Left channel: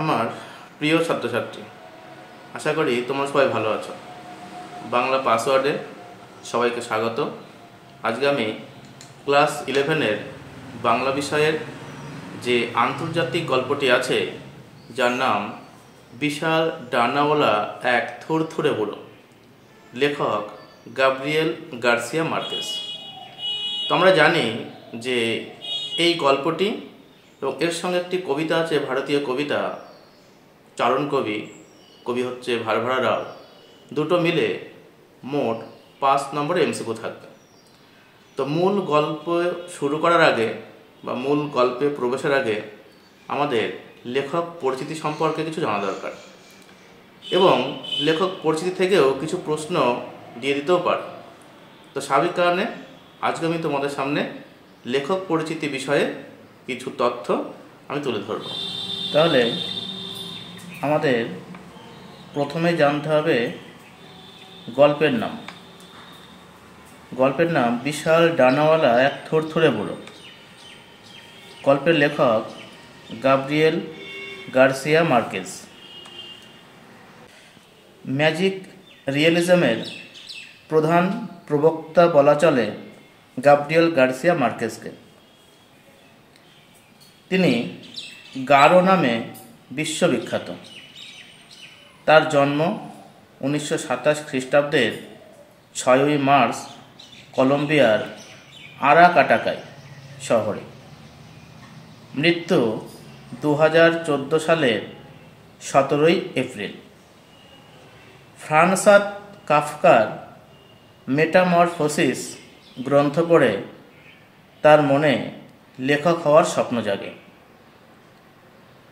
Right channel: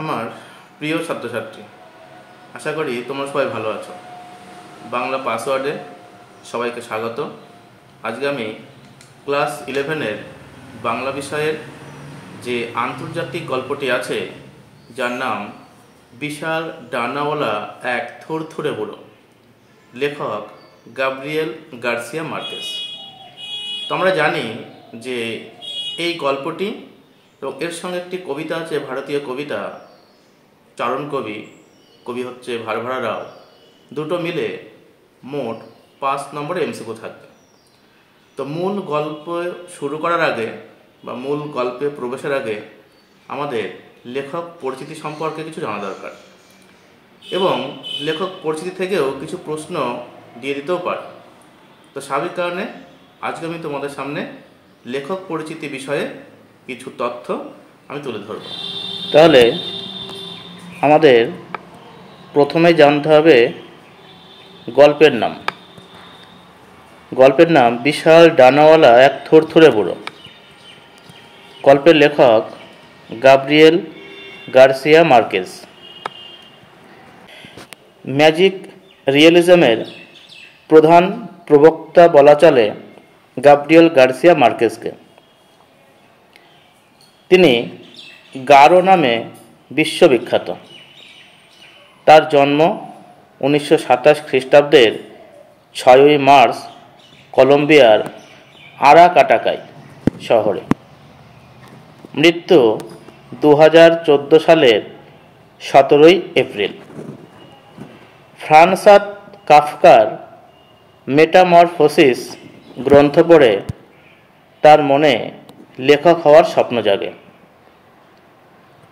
আমার প্রিয় ছাত্রছাত্রী, আশা করি তোমরা সবাই ভালো আছো। বাংলা পাসওয়ার্ডে সবাইকে স্বাগত। আজকে আমি ক্লাস 11-এর বাংলা বিষয়ের যে আন্তর্জাতিক গল্পটি আছে, যার নাম বিশাল ডানাওয়ালা এক থুরথুরে বুড়ো, লেখক গাব্রিয়েল গার্সিয়া মার্কেস। তো আমরা জানি যে এই গল্পটি এবং এর সঙ্গে একটি কবিতা আছে, ভারতীয় কবিতা, চারণ কবি হচ্ছে ভারভারা রাও। দুটো মিলে মোট 5 নম্বরে এমসিকিউ থাকবে। তো মূল গল্প শুরু করার আগে বা মূল গল্পে প্রবেশের আগে আমাদের লেখক পরিচিতি সম্পর্কে কিছু জানা দরকার, এবং লেখক পরিচিতি থেকেও কিছু প্রশ্ন দিয়ে দিতেও পারে। তো স্বাভাবিক কারণে আজকে আমি তোমাদের সামনে লেখক পরিচিতি বিষয়ে কিছু তথ্য আমি তুলে ধরব। তাহলে আমাদের প্রথমে জানতে হবে গল্পের নাম। গল্পের নাম বিশাল ডানাওয়ালা এক থুরথুরে বুড়ো। গল্পের লেখক গাব্রিয়েল গার্সিয়া মার্কেস। ম্যাজিক রিয়েলিজমের প্রধান প্রবক্তা বলা চলে গাব্রিয়েল গার্সিয়া মার্কেসকে। তিনি গারো নামে বিশ্ববিখ্যাত। তার জন্ম 1927 খ্রিস্টাব্দের 6ই মার্চ কলম্বিয়ার আরাকাটাকাই শহরে। মৃত্যু 2014 সালের 17ই এপ্রিল। ফ্রান্স কাফকার মেটামরফোসিস গ্রন্থ পড়ে তার মনে লেখক হওয়ার স্বপ্ন জাগে।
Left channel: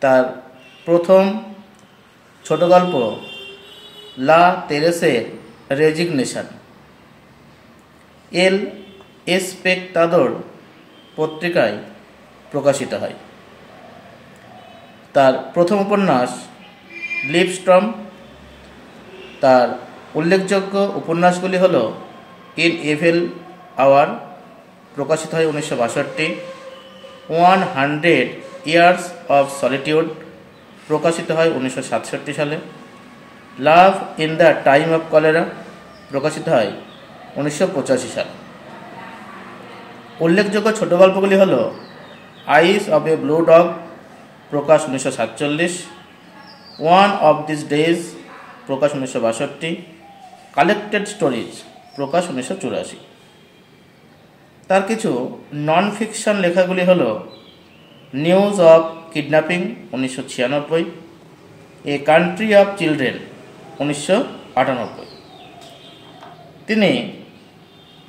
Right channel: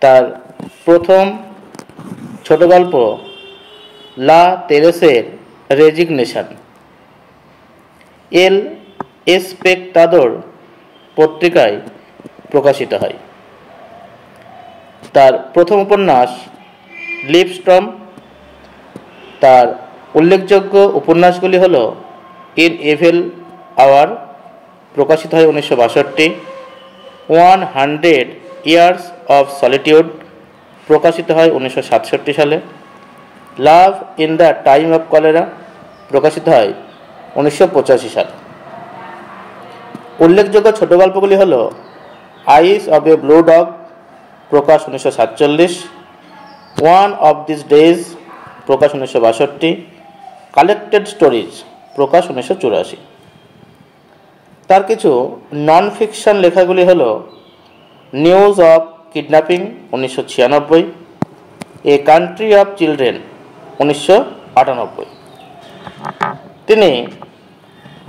তার প্রথম ছোট গল্প লা তেরেসের রেজিগনেশন এল এসপেক্টাদোর পত্রিকায় প্রকাশিত হয়। তার প্রথম উপন্যাস লিভস্ট্রম। তার উল্লেখযোগ্য উপন্যাসগুলি হল ইন ইভিল আওয়ার, প্রকাশিত হয় 1962, 100 ইয়ার্স অফ সলিটিউড, প্রকাশিত হয় 1967 সালে, love in the time of cholera, প্রকাশিত হয় 1985 সালে। উল্লেখযোগ্য ছোট গল্পগুলি হল eyes of a blue dog, প্রকাশ 1947, ওয়ান অফ দিস ডেজ, প্রকাশ 1962, কালেক্টেড স্টোরিজ, প্রকাশ 1984। তার কিছু নন ফিকশন লেখাগুলি হল news of kidnapping 1996, a country of children 1998। তিনি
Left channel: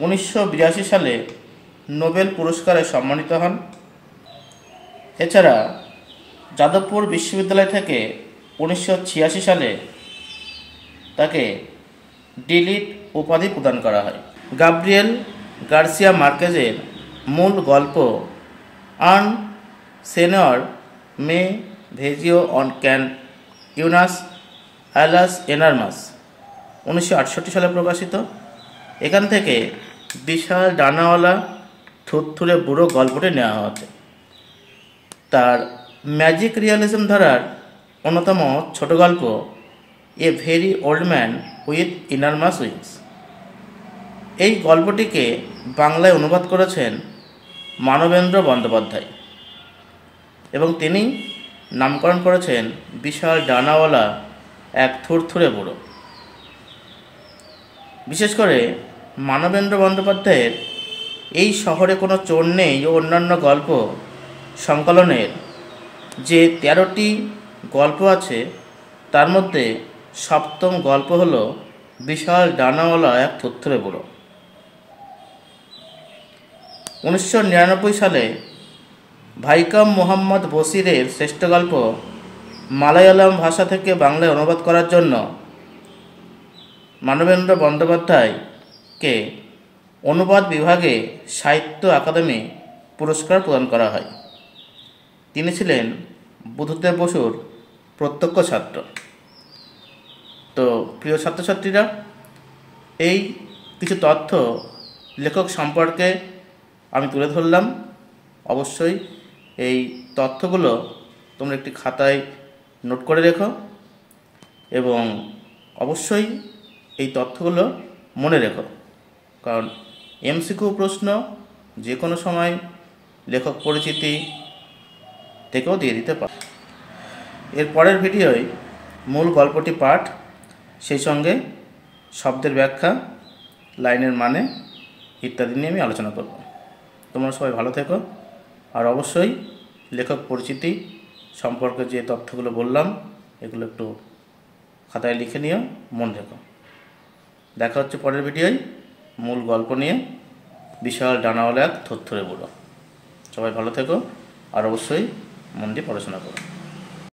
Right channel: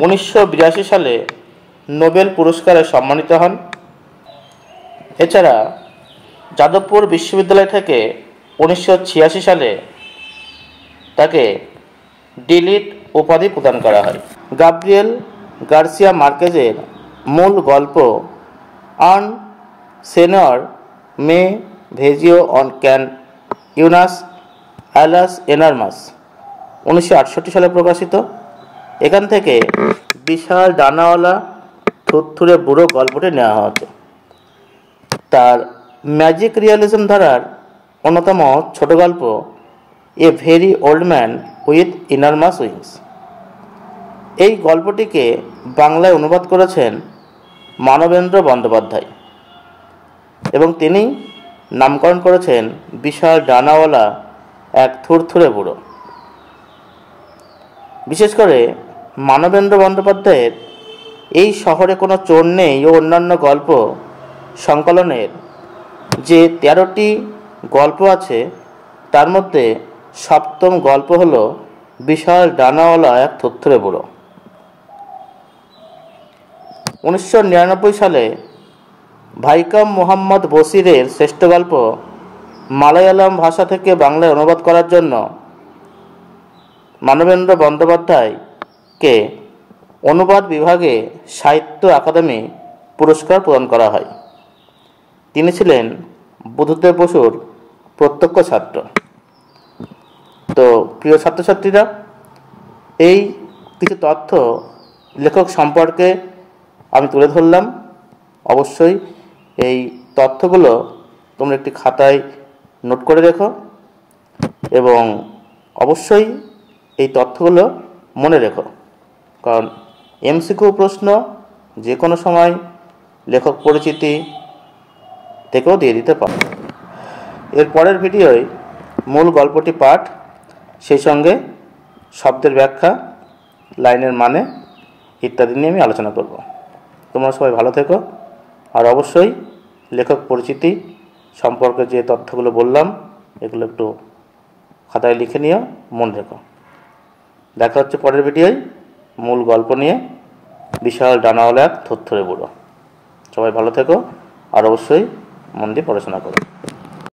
1982 সালে নোবেল পুরস্কারে সম্মানিত হন। এছাড়া যাদবপুর বিশ্ববিদ্যালয় থেকে 1986 সালে তাকে ডিলিট উপাধি প্রদান করা হয়। গাব্রিয়েল গার্সিয়া মার্কেজের মূল গল্প আন সেনর মে ভেজিও অন ক্যান ইউনাস অ্যালাস এনারমাস, 1968 সালে প্রকাশিত। এখান থেকে বিশাল ডানাওয়ালা থুরথুরে বুড়ো গল্পটি নেওয়া হয়েছে। তার ম্যাজিক রিয়েলিজম ধারার অন্যতম ছোট গল্প a very old man with enormous wings. এই গল্পটিকে বাংলায় অনুবাদ করেছেন মানবেন্দ্র বন্দ্যোপাধ্যায়, এবং তিনি নামকরণ করেছেন বিশাল ডানাওয়ালা এক থুরথুরে বুড়ো। বিশেষ করে মানবেন্দ্র বন্দ্যোপাধ্যায়ের এই শহরে কোনো চোর নেই ও অন্যান্য গল্প সংকলনের যে 13টি গল্প আছে, তার মধ্যে 7ম গল্প হল বিশাল ডানাওয়ালা এক থুরথুরে বুড়ো। 1999 সালে ভাইকাম মোহাম্মদ বশিরের শ্রেষ্ঠ গল্প মালায়ালাম ভাষা থেকে বাংলায় অনুবাদ করার জন্য মানবেন্দ্র বন্দ্যোপাধ্যায়কে অনুবাদ বিভাগে সাহিত্য আকাদেমি পুরস্কার প্রদান করা হয়। তিনি ছিলেন বুদ্ধদেব বসুর প্রত্যক্ষ ছাত্র। তো প্রিয় ছাত্রছাত্রীরা, এই কিছু তথ্য লেখক সম্পর্কে আমি তুলে ধরলাম। অবশ্যই এই তথ্যগুলো তোমরা একটি খাতায় নোট করে রেখো এবং অবশ্যই এই তথ্যগুলো মনে রেখো, কারণ এমসিকিউ প্রশ্ন যে কোনো সময় লেখক পরিচিতি থেকেও দিয়ে দিতে পারো। এর পরের ভিডিওয় মূল গল্পটি পাঠ, সেই সঙ্গে শব্দের ব্যাখ্যা, লাইনের মানে ইত্যাদি নিয়ে আমি আলোচনা করব। তোমরা সবাই ভালো থেকো, আর অবশ্যই লেখক পরিচিতি সম্পর্কে যে তথ্যগুলো বললাম এগুলো একটু খাতায় লিখে নিও, মনে রেখো। দেখা হচ্ছে পরের ভিডিওয় মূল গল্প নিয়ে, বিশাল ডানাওয়ালা এক থরথরে বুড়ো। সবাই ভালো থেকো, আর অবশ্যই মন দিয়ে পড়াশোনা করো।